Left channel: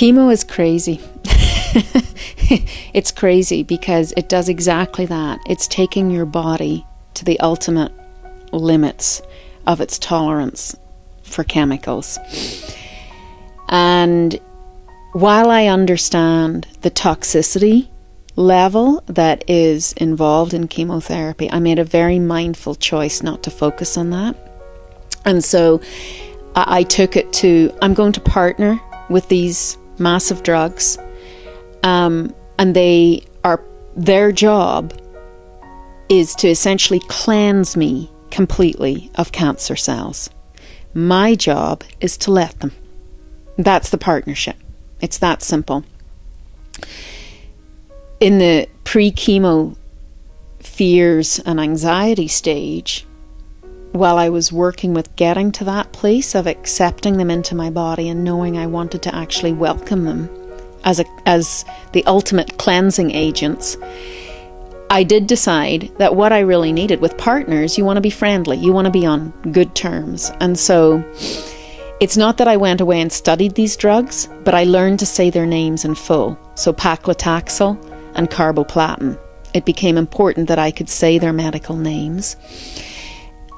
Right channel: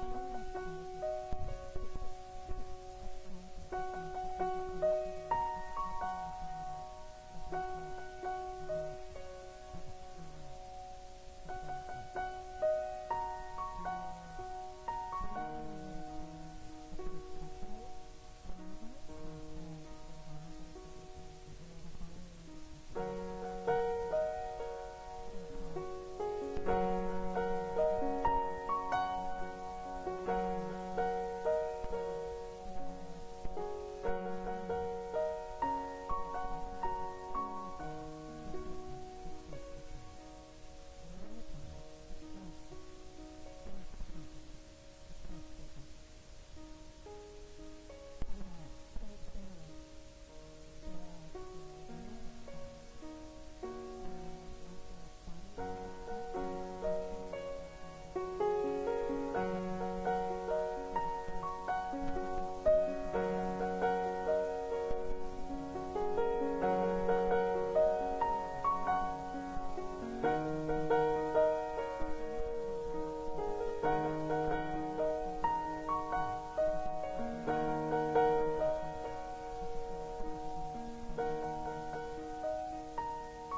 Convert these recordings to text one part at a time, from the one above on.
Chemo is crazy. It's crazy because it does exactly that. It's taking your body to the ultimate limits of its tolerance for chemicals. And while I understand the toxicity level that is involved in chemotherapy, I made a very mindful choice not to focus on that. And so I took it to, I'm going to partner with these massive drugs, and their job is to essentially cleanse me completely of cancer cells. My job is to let them. That's the partnership. It's that simple. In the pre-chemo fears and anxiety stage, while I was working with getting to that place of accepting them into my body and knowing I wanted to actually welcome them as the ultimate cleansing agents, I did decide that what I really needed with partners, you want to be friendly, you want to be on good terms. And so it's not that I went away and studied these drugs, but I learned to say their names in full. So paclitaxel and carboplatin. It became important that I could say their medical names.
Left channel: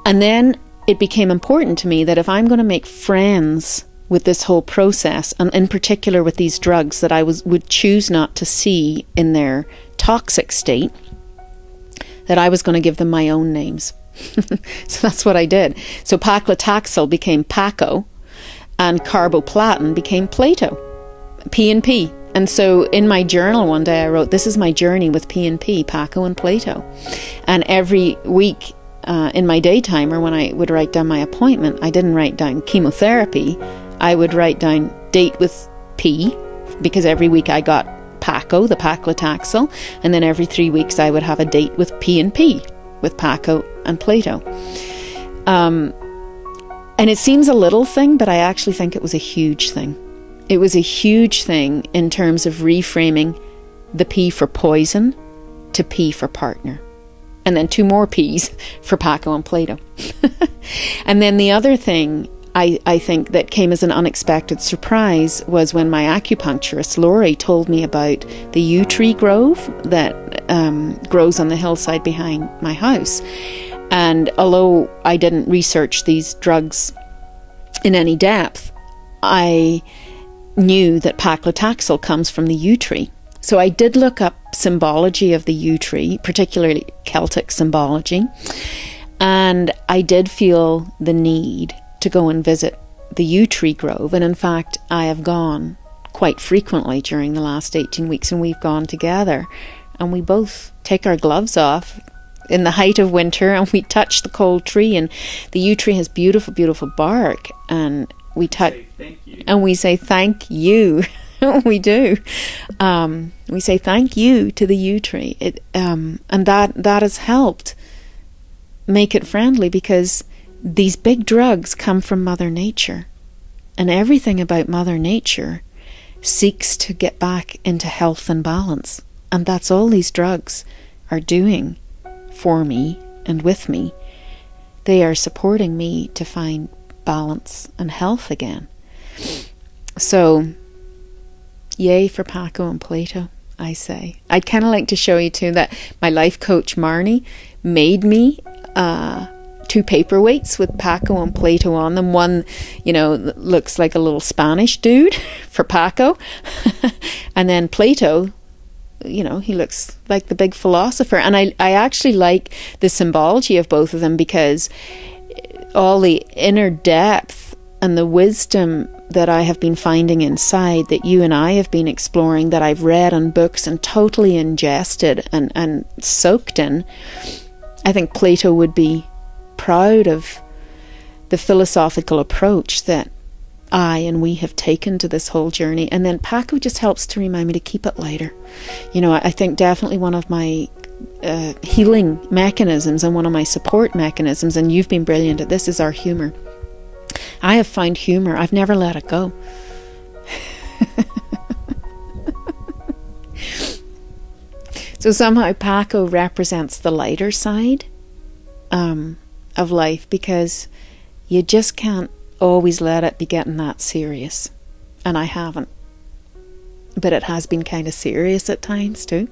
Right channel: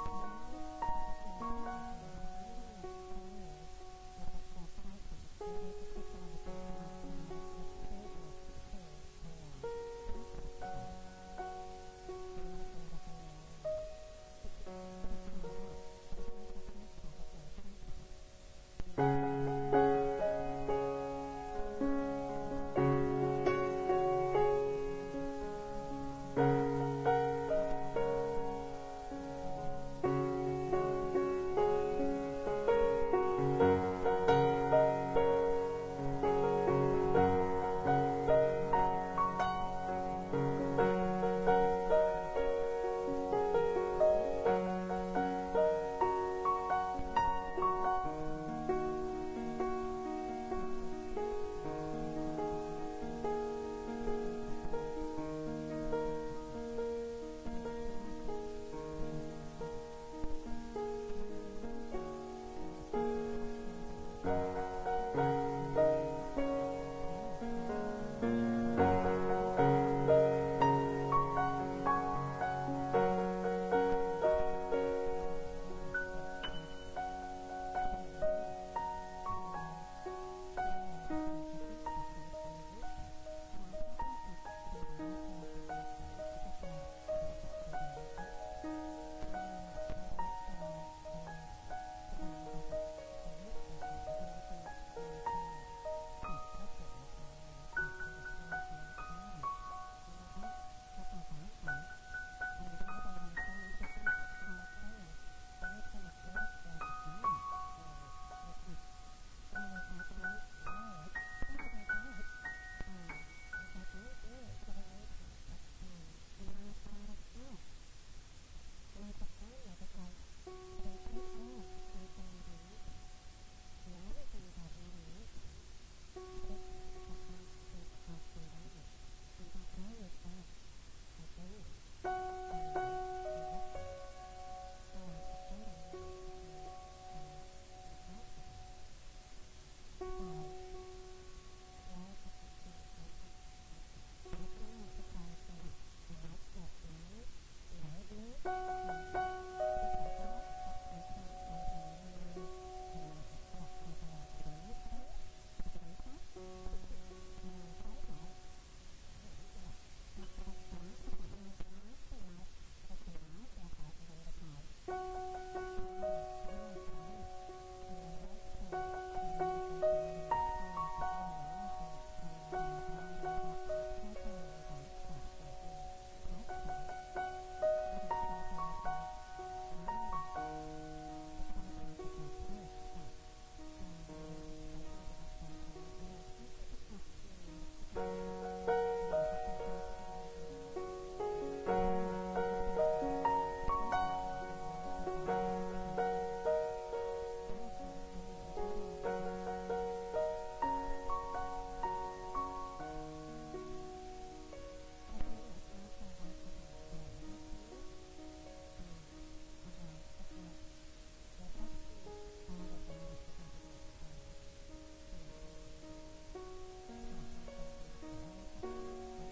And then it became important to me that if I'm going to make friends with this whole process, and in particular with these drugs that I would choose not to see in their toxic state, that I was going to give them my own names. So that's what I did. So paclitaxel became Paco, and carboplatin became Plato, P&P. And so in my journal one day I wrote, this is my journey with P&P, Paco and Plato. And every week in my daytimer, when I would write down my appointment, I didn't write down chemotherapy. I would write down date with P, because every week I got Paco, the paclitaxel, and then every 3 weeks I would have a date with P&P, with Paco and Plato. And it seems a little thing, but I actually think it was a huge thing. It was a huge thing in terms of reframing the P for poison to P for partner. And then 2 more P's for Paco and Plato. And then the other thing I think that came as an unexpected surprise was when my acupuncturist, Laurie, told me about the yew tree grove that grows on the hillside behind my house. And although I didn't research these drugs in any depth, I knew that paclitaxel comes from the yew tree. So I did look up symbology of the yew tree, particularly Celtic symbology, and I did feel the need to go and visit the yew tree grove. And in fact, I have gone quite frequently during the last 18 weeks, and we've gone together, and we both take our gloves off in the height of winter and we touch the cold tree, and the yew tree has beautiful, beautiful bark, and we touch and we say thank you. We do. We say thank you to the yew tree. And that has helped make it friendly, because these big drugs come from Mother Nature, and everything about Mother Nature seeks to get back into health and balance. And that's all these drugs are doing for me and with me. They are supporting me to find balance and health again. So yay for Paco and Plato, I say. I'd kind of like to show you too that my life coach Marnie made me 2 paperweights with Paco and Plato on them. One, looks like a little Spanish dude for Paco, and then Plato, he looks like the big philosopher. And I actually like the symbology of both of them, because all the inner depth and the wisdom that I have been finding inside, that you and I have been exploring, that I've read on books and totally ingested and soaked in. I think Plato would be proud of the philosophical approach that I and we have taken to this whole journey. And then Paco just helps to remind me to keep it lighter. I think definitely one of my healing mechanisms and one of my support mechanisms, and you've been brilliant at this, is our humor. I have found humor. I've never let it go. So somehow Paco represents the lighter side of life, because you just can't always let it be getting that serious. And I haven't. but it has been kind of serious at times too.